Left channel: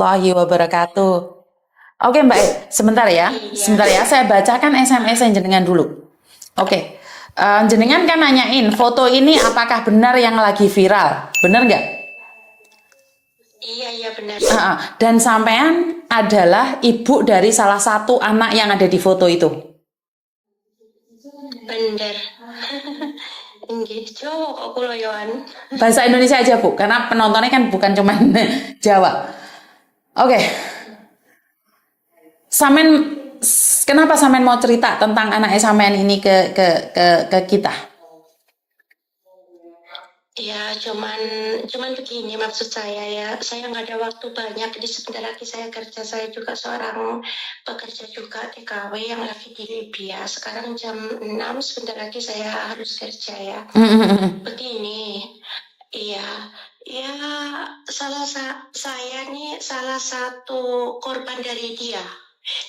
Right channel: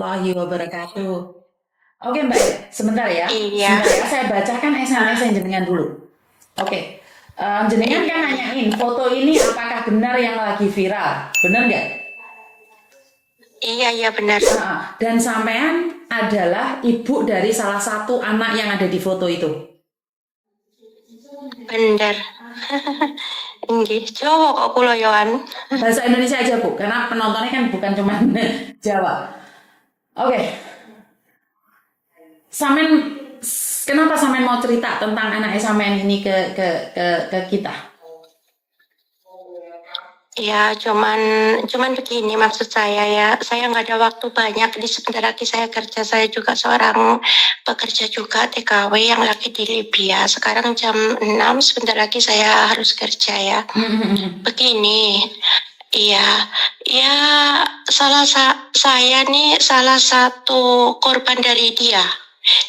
warahmatullahi wabarakatuh. Oke Mbak, sebentar ya. Iya, Sebentar ya, saya bacakan SMS yang jenengan dulu. Oke. Jenengan kan nanyain foto ini apakah benar yang lagi viral. Benar nggak? iya benar. Dan sampean adalah ibu dari salah satu anak yang ada di foto itu. Benar. Nggih, Jawa kok kula yoan. Bahasa Indonesia aja Bu, karena penontonnya kan bukan cuma Jawa. Oke. Samen kenapa Samen mau cerita tentang anaknya Samen ini ke kita? Ya, cuman begini maksud saya ya. Saya nggak ada waktu banyak di sebentar lagi saya kerja. Saya juga seorang pekerja juga TKW yang lagi di Libya. Sekarang jam 6, sebentar lagi saya harus kerja ya. Begini, iya, ya saya nih salah satu korban dari dia.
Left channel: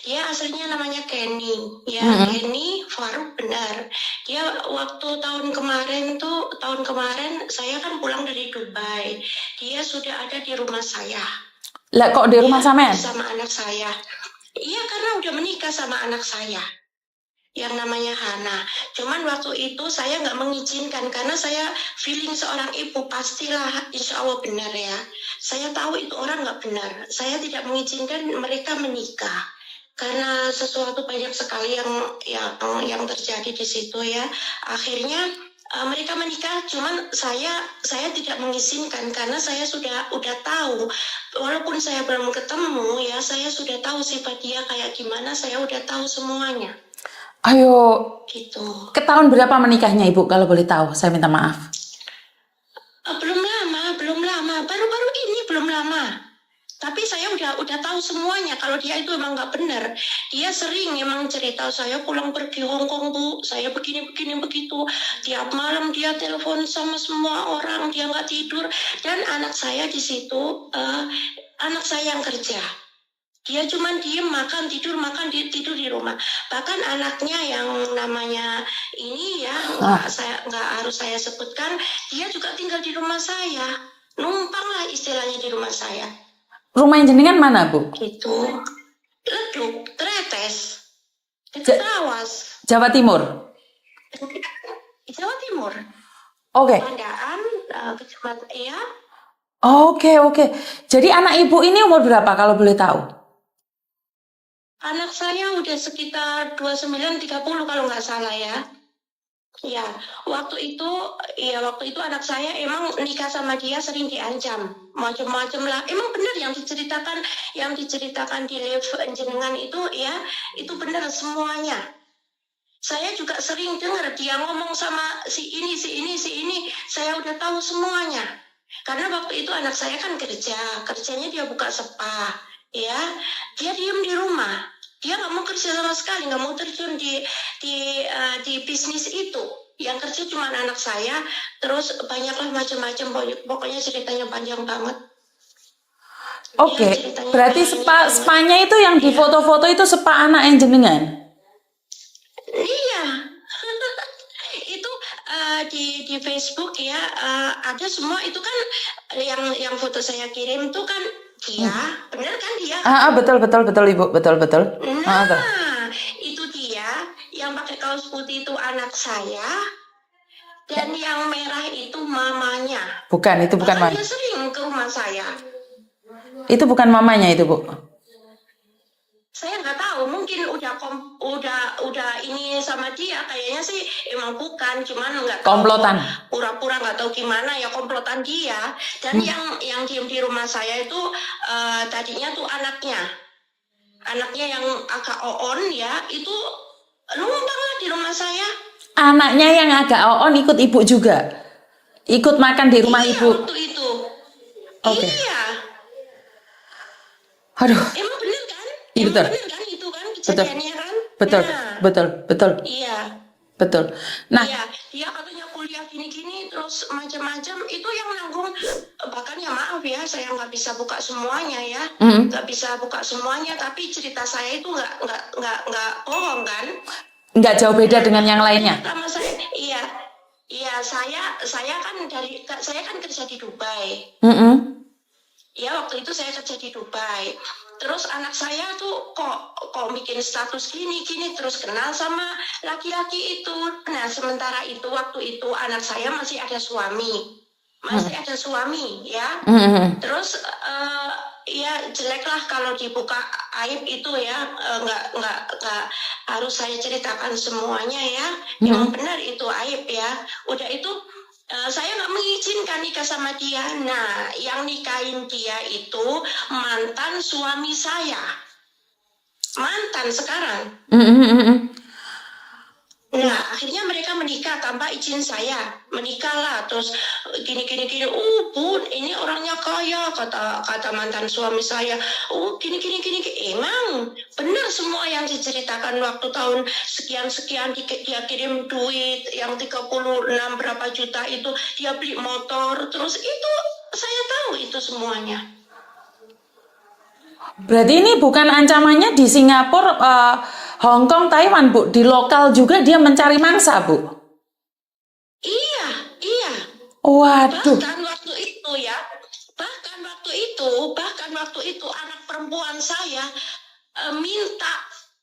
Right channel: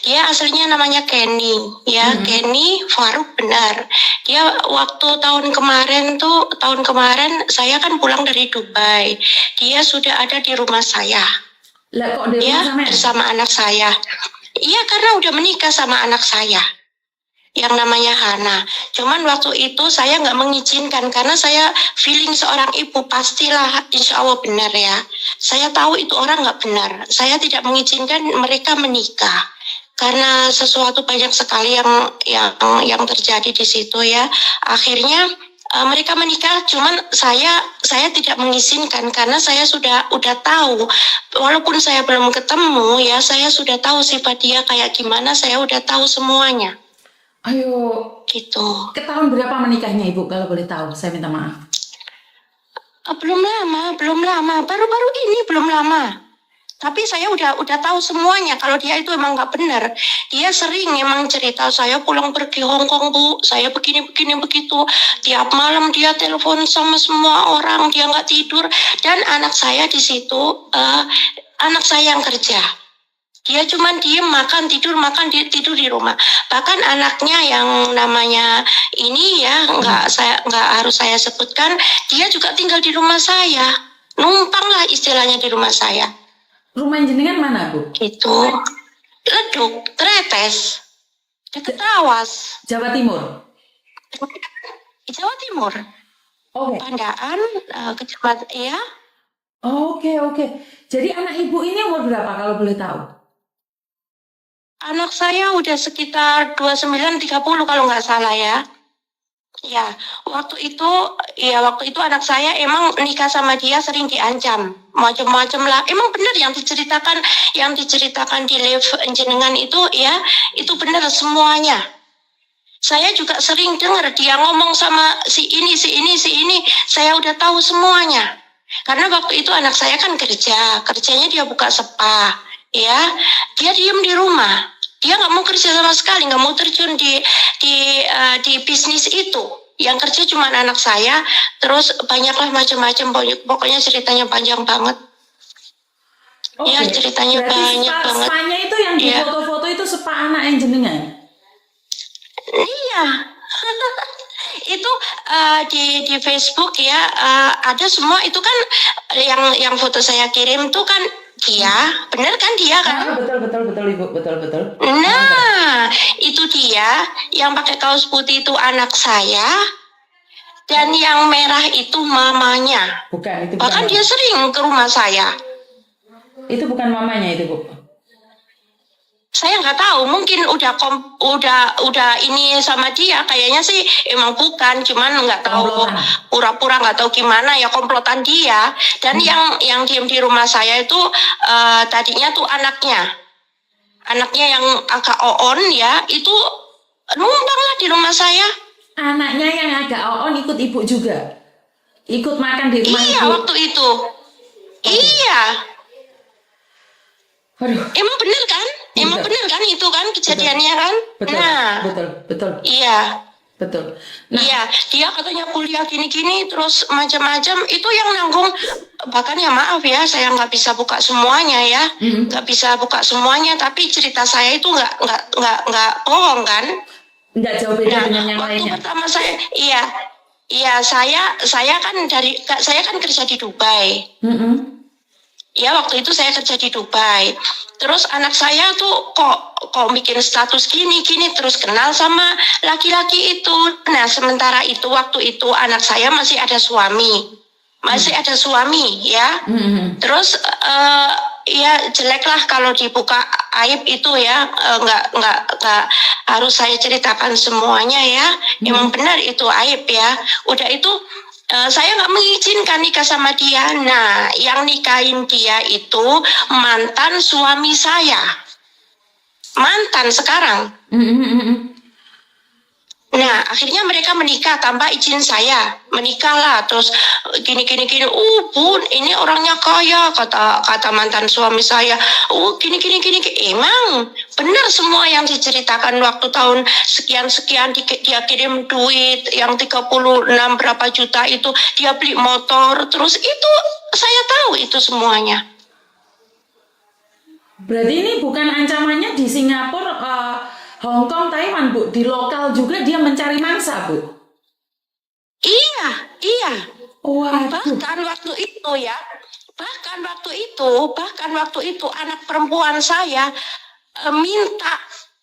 Dia aslinya namanya Kenny, ya Kenny Faruk benar. Dia waktu tahun kemarin saya kan pulang dari Dubai. Dia sudah ada di rumah saya, Lah kok di rumah ya Samen? bersama anak saya. Iya karena udah menikah sama anak saya yang namanya Hana. Cuman waktu itu saya nggak mengizinkan karena saya feeling seorang ibu pastilah insya Allah benar ya. Saya tahu itu orang nggak benar. Saya tidak mengizinkan mereka menikah karena sesuatu banyak sekali yang terjadi di situ ya. Akhirnya mereka menikah, cuman saya tidak mengizinkan karena saya udah tahu, walaupun saya belum ketemu ya, saya sudah tahu sifat dia kayak gimana, saya udah tahu semuanya. Ayo, Gitu. ke tahun berapa menikahnya Ibu kalau boleh tahu? Saya minta maaf. Belum lama, baru-baru ini belum lama. Tapi saya udah tahu semuanya kalau dia itu emang nggak benar. Dia sering emang cerita saya pulang pergi Hong Kong Bu, saya begini begitu. Tiap malam dia telepon sama semua orang, dia nggak tidur. Dan anak saya di situ, anak saya yang kerja. Dia cuma diem makan tidur di rumah. Bahkan anaknya yang namanya ini ya nggak harus saya sebutkan, dia juga tinggal di rumah saya, numpang lah istilahnya di rumah saya. Rumah jenengan mana Bu? Gitu. Leduk, Tretes, dekat Awas, Jawa Timur. Jawa Timur. Oke. Tandaan, kecamatan ya. Oke. Jadi anak Ibu ini umur berapa kalau boleh tahu? Anak saya udah sekitar 29-30 kalau nggak salah ya. Ya, waktu itu anak saya emang nikah sama dia sering diancam, macam-macam lah. Emang benar yang diceritakan di live jenengan itu ya, itu benar semuanya. Saya juga sering dengar dia ngomong sama si ini, saya udah tahu semuanya. Karena waktu itu anak saya kan kerjanya dia buka spa, ya, dia diem di rumah. Dia nggak mau kerja sama sekali, nggak mau terjun di bisnis itu. Yang kerja cuma anak saya, terus banyaklah macam-macam, pokoknya ceritanya panjang banget. Oke. Ya, ceritanya Berarti banyak banget. spanya itu yang di Ya. foto-foto itu spa anak yang jenengan? Iya. Itu di Facebook ya, ada semua itu kan yang foto saya kirim tuh kan dia, bener kan dia kan? Betul Ibu, betul. Nah, itu dia yang pakai kaos putih itu anak saya, dan yang merah itu mamanya. Bukan, itu bukan Bahkan mamanya. dia sering ke rumah saya. Itu bukan mamanya itu Bu. Saya nggak tahu, mungkin udah ini sama dia, kayaknya sih emang bukan, cuman nggak tahu, Komplotan. pura-pura nggak tahu gimana ya, komplotan dia. Dan yang diem di rumah saya itu tadinya tuh anaknya yang agak on ya, itu numpang lah di rumah saya. Anaknya yang agak on ikut Ibu juga? Ikut makan di rumah Iya, Ibu? waktu itu. Oke. Iya, Aduh, emang bener kan? Emang Betul. bener kan itu kan kejadiannya kan? Nah, betul. iya. Betul. Nah, Iya, dia katanya kuliah gini-gini, terus macam-macam. Itu yang nanggung. Bahkan ya maaf ya, saya nggak bisa buka semuanya ya, nggak bisa buka semuanya. Tapi cerita saya itu nggak bohong kan? nggak jauh beda dengan yang Waktu lainnya. pertama iya, saya kan kerja di Dubai. Ya waktu itu saya kerja di Dubai. Terus anak saya tuh kok bikin status gini terus kenal sama laki-laki itu. Nah sementara itu waktu itu anak saya masih ada suami, ya. Terus ya jelek lah kalau dibuka aib itu ya, nggak harus saya ceritakan semuanya ya. Emang benar itu aib ya. Udah itu saya nggak mengizinkan nikah sama dia. Nah, yang nikahin dia itu mantan suami saya. Mantan sekarang. Nah, akhirnya mereka menikah tanpa izin saya. Menikahlah, terus gini. Bun, ini orangnya kaya, kata mantan suami saya. Gini. Emang benar semua yang diceritakan waktu tahun sekian dia kirim duit yang 36 berapa juta itu, dia beli motor, terus itu saya tahu itu semuanya. Berarti ini bukan ancamannya di Singapura, Hong Kong, Taiwan, Bu. Di lokal juga dia mencari mangsa, Bu. Iya. Waduh. Bahkan waktu itu anak perempuan saya minta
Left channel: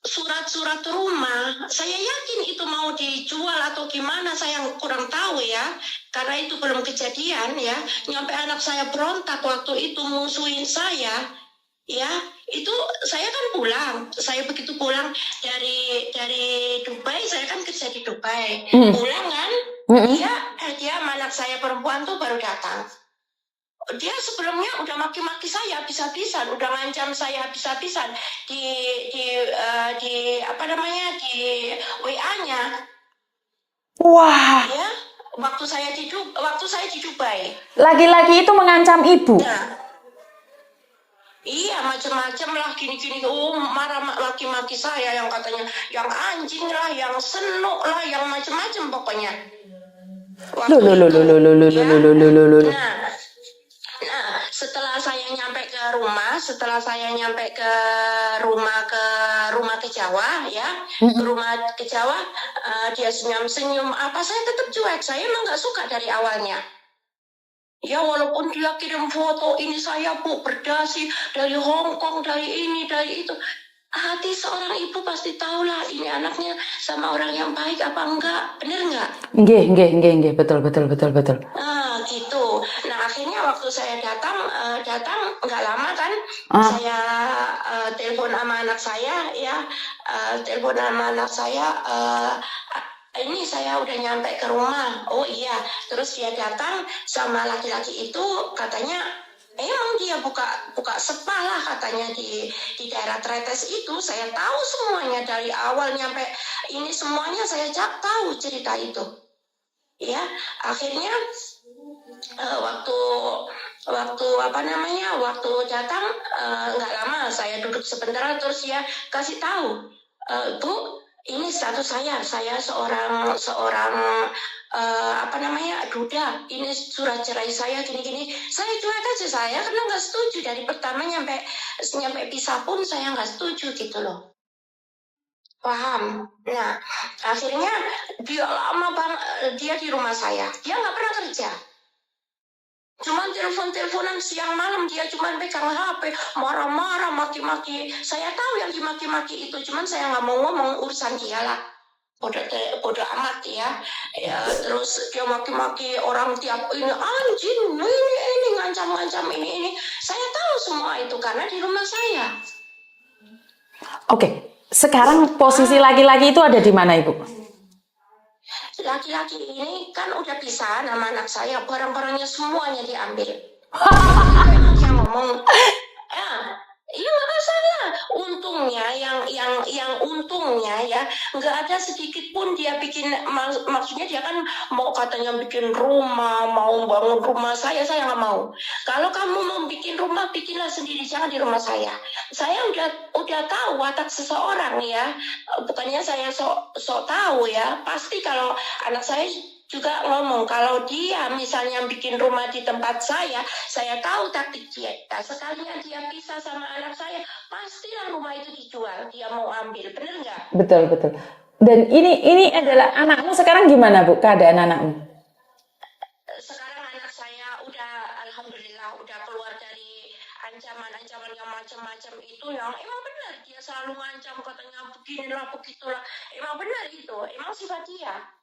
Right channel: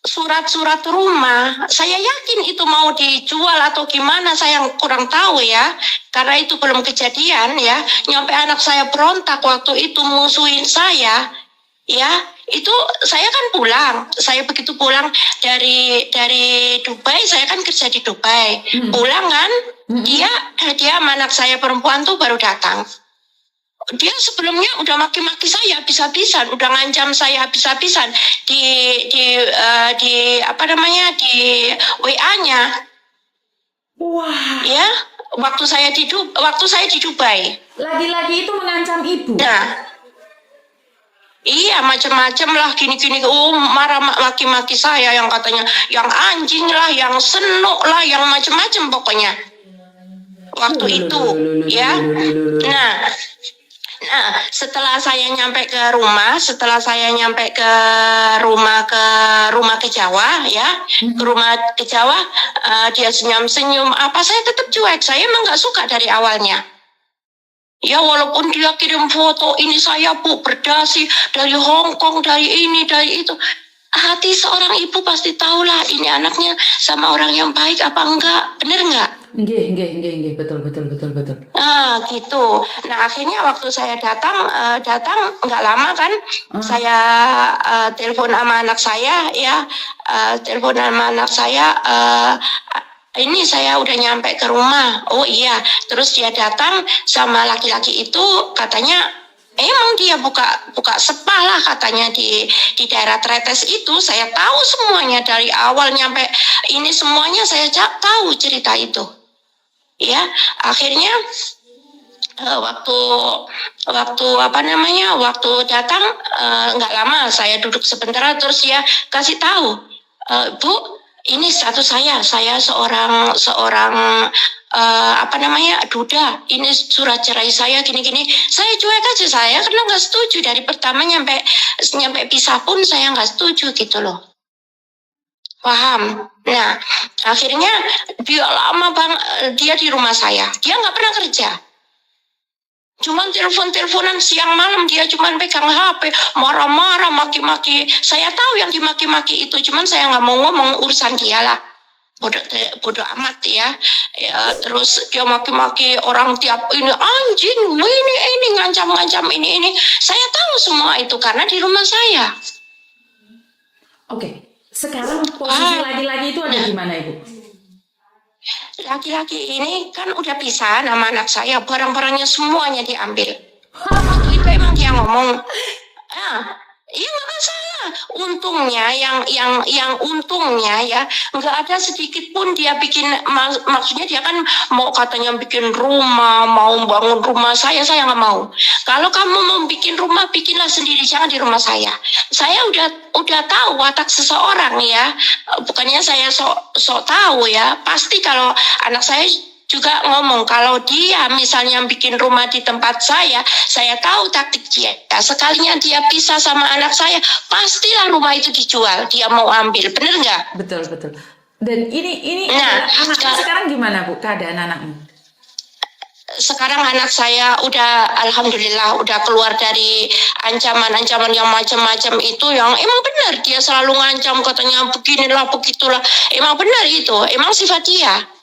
surat-surat rumah. Saya yakin itu mau dijual atau gimana, saya kurang tahu ya. Karena itu belum kejadian ya. Nyampe anak saya berontak waktu itu musuhin saya. Ya, itu saya kan pulang. Saya begitu pulang dari Dubai, saya kan kerja di Dubai. Pulang kan, dia sama anak saya perempuan tuh baru datang. Dia sebelumnya udah maki-maki saya habis-habisan, udah ngancam saya habis-habisan di apa namanya, di WA-nya. Wah. Ya, waktu saya di Dubai. Laki-laki itu mengancam ibu. Nah, iya macam-macam lah gini marah maki-maki saya, yang katanya yang anjing lah, yang senuk lah, yang macam-macam pokoknya waktu itu ya. Nah, setelah saya nyampe ke rumah ke Jawa ya, ke Jawa, dia senyum-senyum apa, saya tetap cuek, saya emang nggak suka dari awalnya. Ya walaupun dia kirim foto ini saya Bu berdasi dari Hong Kong, dari ini, dari itu. Hati seorang ibu pasti tahulah ini anaknya sama orang yang baik apa enggak, bener enggak? Nggih, betul. Nah gitu. Nah akhirnya waktu saya datang nggak lama kan, saya telepon sama anak saya ya, ini saya udah nyampe ke rumah. Oh iya, terus dia datang sama laki-laki itu, katanya emang dia buka spa lah katanya di daerah Tretes itu. Saya tahu semuanya dari awal nyampe ini, semuanya saya tahu cerita itu. Ya, akhirnya waktu datang nggak lama, saya duduk sebentar terus dia kasih tahu, Bu, ini status saya seorang duda, ini surat cerai saya gini. Saya cuek aja, saya karena nggak setuju dari pertama nyampe pisah pun saya nggak setuju gitu loh. Paham? Nah, akhirnya dia lama dia di rumah saya, dia nggak pernah kerja. Cuman teleponan siang malam, dia cuman pegang HP, marah-marah, maki-maki. Saya tahu yang dimaki-maki itu, cuman saya nggak mau ngomong, urusan dia lah. Bodoh amat ya. Terus dia maki-maki orang tiap ini, anjing, ini ngancam ini. Saya tahu semua itu karena di rumah saya. Oke, sekarang posisi laki-laki itu ada di mana, Ibu? Laki-laki ini kan udah pisah sama anak saya, barang-barangnya semuanya diambil. Itu emang dia ngomong, iya nggak masalah. Untungnya yang untungnya ya, nggak ada sedikit pun dia bikin, maksudnya dia kan mau katanya bikin rumah, mau bangun rumah saya nggak mau. Kalau kamu mau bikin rumah, bikinlah sendiri, jangan di rumah saya. Saya udah tahu watak seseorang ya, bukannya saya sok tahu ya. Pasti kalau anak saya juga ngomong, kalau dia misalnya bikin rumah di tempat saya tahu taktik dia. Sekalinya dia pisah sama anak saya, pastilah rumah itu dijual, dia mau ambil, bener nggak? Betul. Dan ini adalah anaknya sekarang gimana, Bu, keadaan anaknya? sekarang anak saya udah alhamdulillah udah keluar dari ancaman-ancaman yang macam-macam itu, yang emang benar dia selalu ngancam katanya beginilah begitulah. Emang benar itu, emang sifat dia.